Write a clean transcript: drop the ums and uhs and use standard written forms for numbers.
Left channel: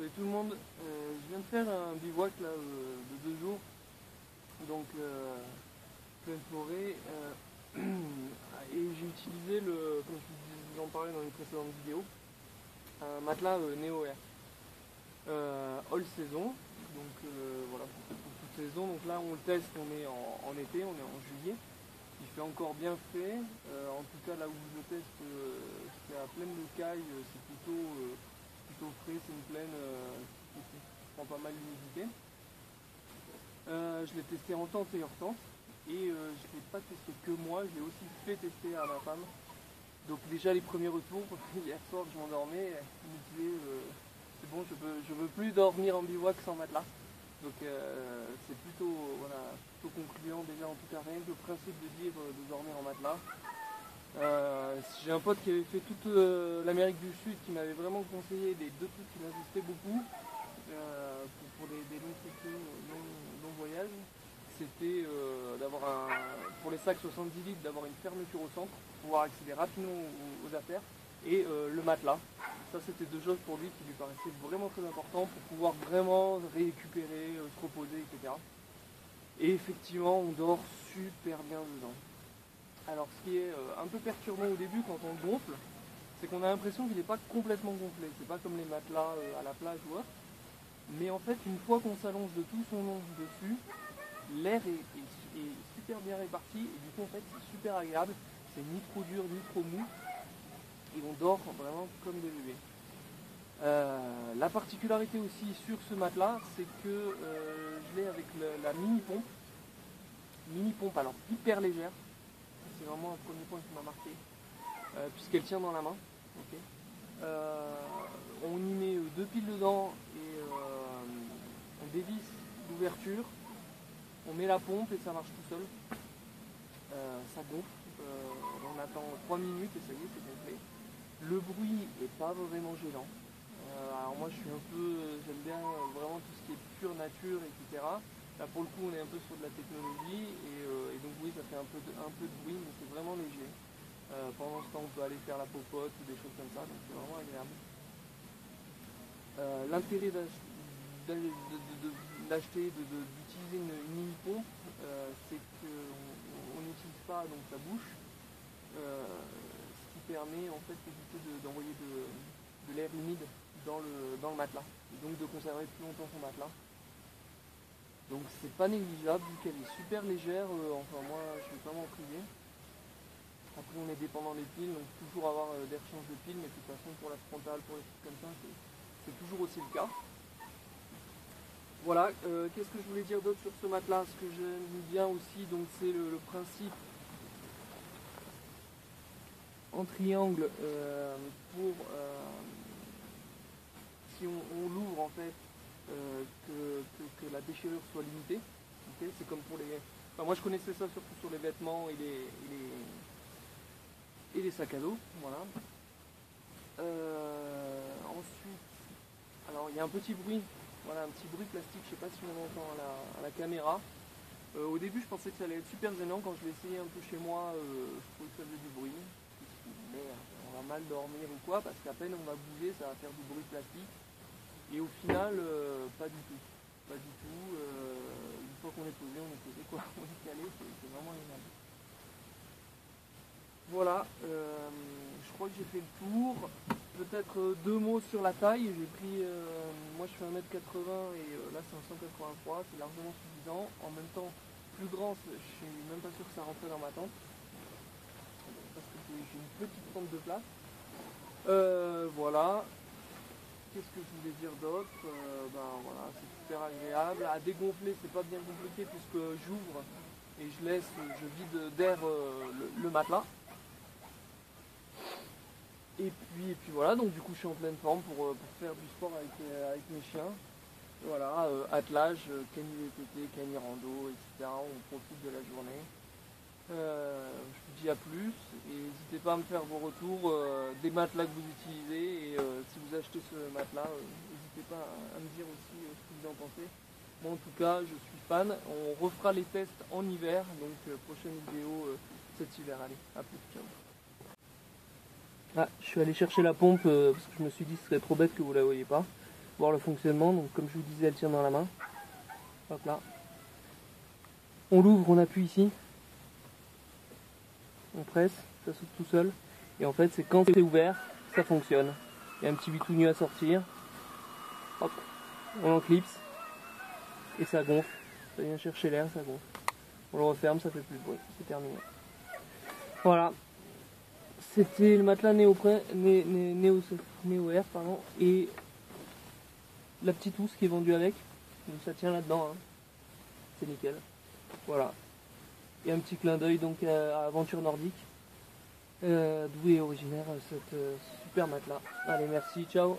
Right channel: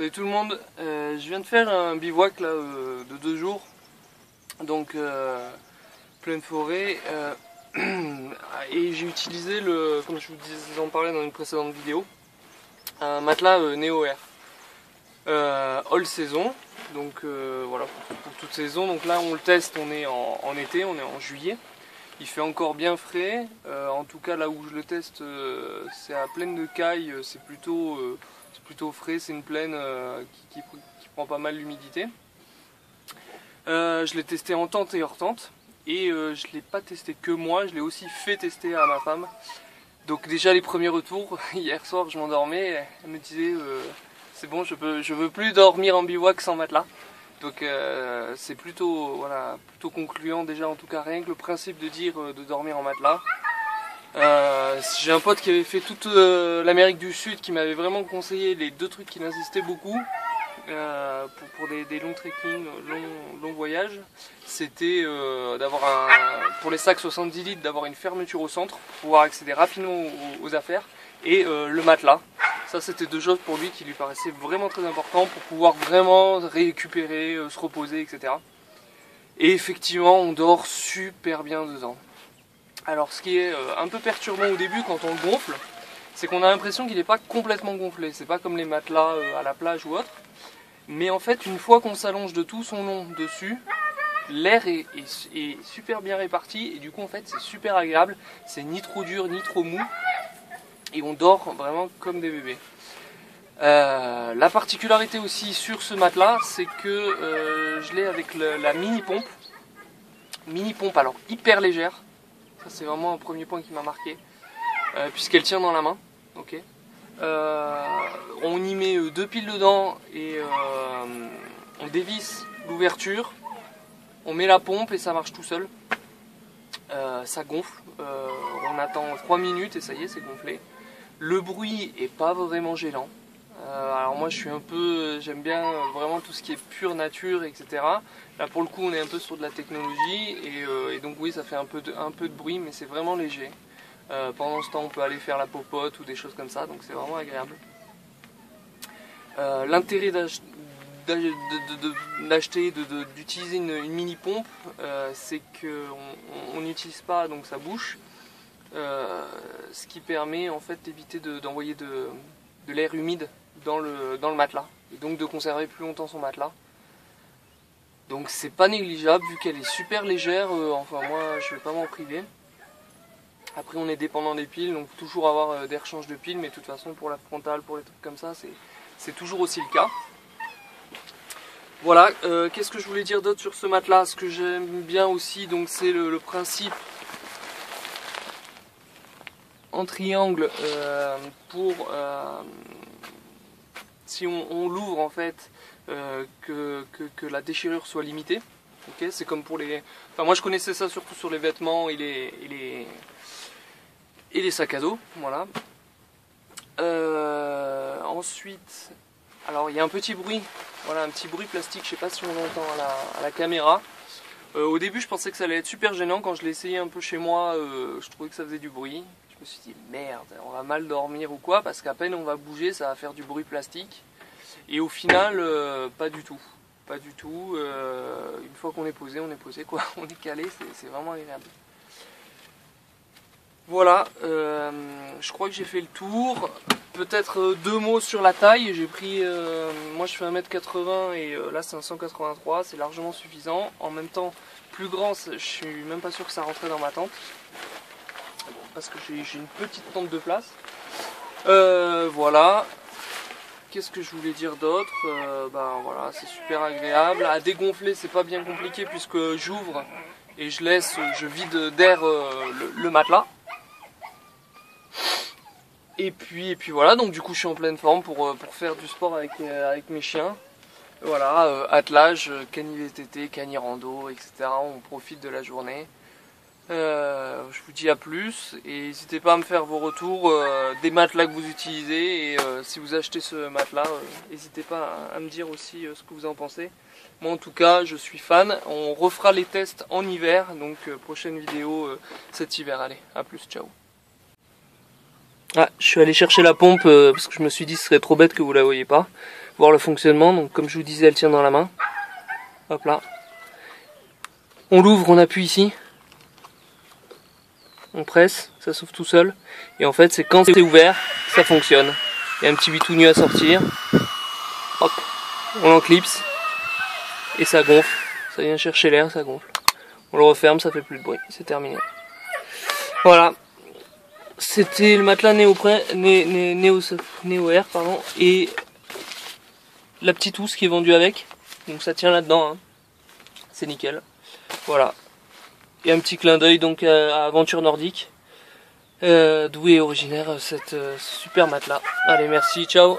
Salut tout le monde, je viens de faire un bivouac là, de 2 jours, donc pleine forêt, et j'ai utilisé, comme je vous en parlais dans une précédente vidéo, un matelas Neo Air, all saison, donc voilà, pour toute saison. Donc là on le teste, on est en été, on est en juillet, il fait encore bien frais, en tout cas là où je le teste c'est à Plaine de Caille, c'est plutôt frais, c'est une plaine qui prend pas mal l'humidité. Je l'ai testé en tente et hors tente, et je ne l'ai pas testé que moi, je l'ai aussi fait tester à ma femme. Donc déjà les premiers retours, hier soir je m'endormais, elle me disait c'est bon, je veux plus dormir en bivouac sans matelas. Donc c'est plutôt concluant déjà, en tout cas rien que le principe de dire de dormir en matelas. J'ai un pote qui avait fait toute l'Amérique du Sud qui m'avait vraiment conseillé les deux trucs qu'il insistait beaucoup pour des longs trekking, longs voyages. C'était pour les sacs 70 litres, d'avoir une fermeture au centre pour pouvoir accéder rapidement aux affaires, et le matelas. Ça, c'était deux choses pour lui qui lui paraissaient vraiment très importantes pour pouvoir vraiment récupérer, se reposer, etc. Et effectivement, on dort super bien dedans. Alors ce qui est un peu perturbant au début quand on le gonfle, c'est qu'on a l'impression qu'il n'est pas complètement gonflé. C'est pas comme les matelas à la plage ou autre. Mais en fait, une fois qu'on s'allonge de tout son long dessus, l'air est super bien réparti, et du coup en fait c'est super agréable. C'est ni trop dur ni trop mou, et on dort vraiment comme des bébés. La particularité aussi sur ce matelas, c'est que je l'ai avec la mini pompe. Mini pompe, alors hyper légère. Ça c'est vraiment un premier point qui m'a marqué, puisqu'elle tient dans la main. Okay. On y met 2 piles dedans, et on dévisse l'ouverture, on met la pompe et ça marche tout seul. Ça gonfle, on attend 3 minutes et ça y est, c'est gonflé. Le bruit est pas vraiment gênant. Alors moi j'aime bien vraiment tout ce qui est pure nature, etc. Là pour le coup on est un peu sur de la technologie, et donc oui, ça fait un peu de bruit, mais c'est vraiment léger. Pendant ce temps on peut aller faire la popote ou des choses comme ça, donc c'est vraiment agréable. L'intérêt d'utiliser une mini pompe, c'est qu'on n'utilise pas donc sa bouche, ce qui permet en fait d'éviter d'envoyer de l'air humide dans le matelas, et donc de conserver plus longtemps son matelas. Donc c'est pas négligeable vu qu'elle est super légère, enfin moi je vais pas m'en priver. Après on est dépendant des piles, donc toujours avoir des rechanges de piles, mais de toute façon pour la frontale, pour les trucs comme ça, c'est toujours aussi le cas. Voilà, qu'est-ce que je voulais dire d'autre sur ce matelas? Ce que j'aime bien aussi, donc c'est le principe en triangle, pour si on l'ouvre en fait, que la déchirure soit limitée. Okay, c'est comme pour les... Enfin moi je connaissais ça surtout sur les vêtements et les sacs à dos, voilà. Ensuite, alors il y a un petit bruit, voilà, un petit bruit plastique, je sais pas si on l'entend à la caméra. Au début je pensais que ça allait être super gênant, quand je l'ai essayé un peu chez moi, je trouvais que ça faisait du bruit. Je me suis dit merde, on va mal dormir ou quoi, parce qu'à peine on va bouger, ça va faire du bruit plastique. Et au final, pas du tout. Pas du tout. Une fois qu'on est posé quoi, on est calé, c'est vraiment agréable. Voilà, je crois que j'ai fait le tour. Peut-être 2 mots sur la taille. J'ai pris, moi je fais 1m80 et là c'est un 183, c'est largement suffisant. En même temps, plus grand, je suis même pas sûr que ça rentrait dans ma tente, parce que j'ai une petite tente de place. Voilà. Qu'est-ce que je voulais dire d'autre? Ben voilà, c'est super agréable. À dégonfler, c'est pas bien compliqué, puisque j'ouvre et je vide d'air le matelas. Et puis voilà, donc du coup je suis en pleine forme pour faire du sport avec mes chiens. Voilà, attelage, cani VTT, cani rando, etc. On profite de la journée. Je vous dis à plus, et n'hésitez pas à me faire vos retours des matelas que vous utilisez, et si vous achetez ce matelas, n'hésitez pas à me dire aussi ce que vous en pensez. Moi en tout cas je suis fan. On refera les tests en hiver, donc prochaine vidéo cet hiver. Allez, à plus, ciao. Ah, je suis allé chercher la pompe parce que je me suis dit ce serait trop bête que vous la voyez pas. voir le fonctionnement. Donc comme je vous disais, elle tient dans la main. Hop là. On l'ouvre, on appuie ici. On presse, ça s'ouvre tout seul. Et en fait, c'est quand c'est ouvert, ça fonctionne. Il y a un petit bitouni à sortir. Hop, on l'enclipse. Et ça gonfle. Ça vient chercher l'air, ça gonfle. On le referme, ça fait plus de bruit. C'est terminé. Voilà. C'était le matelas Néo Air, pardon. Et la petite housse qui est vendue avec. Donc ça tient là-dedans. Hein. C'est nickel. Voilà. Et un petit clin d'œil donc à Aventure Nordique. D'où est originaire ce super matelas. Allez, merci, ciao.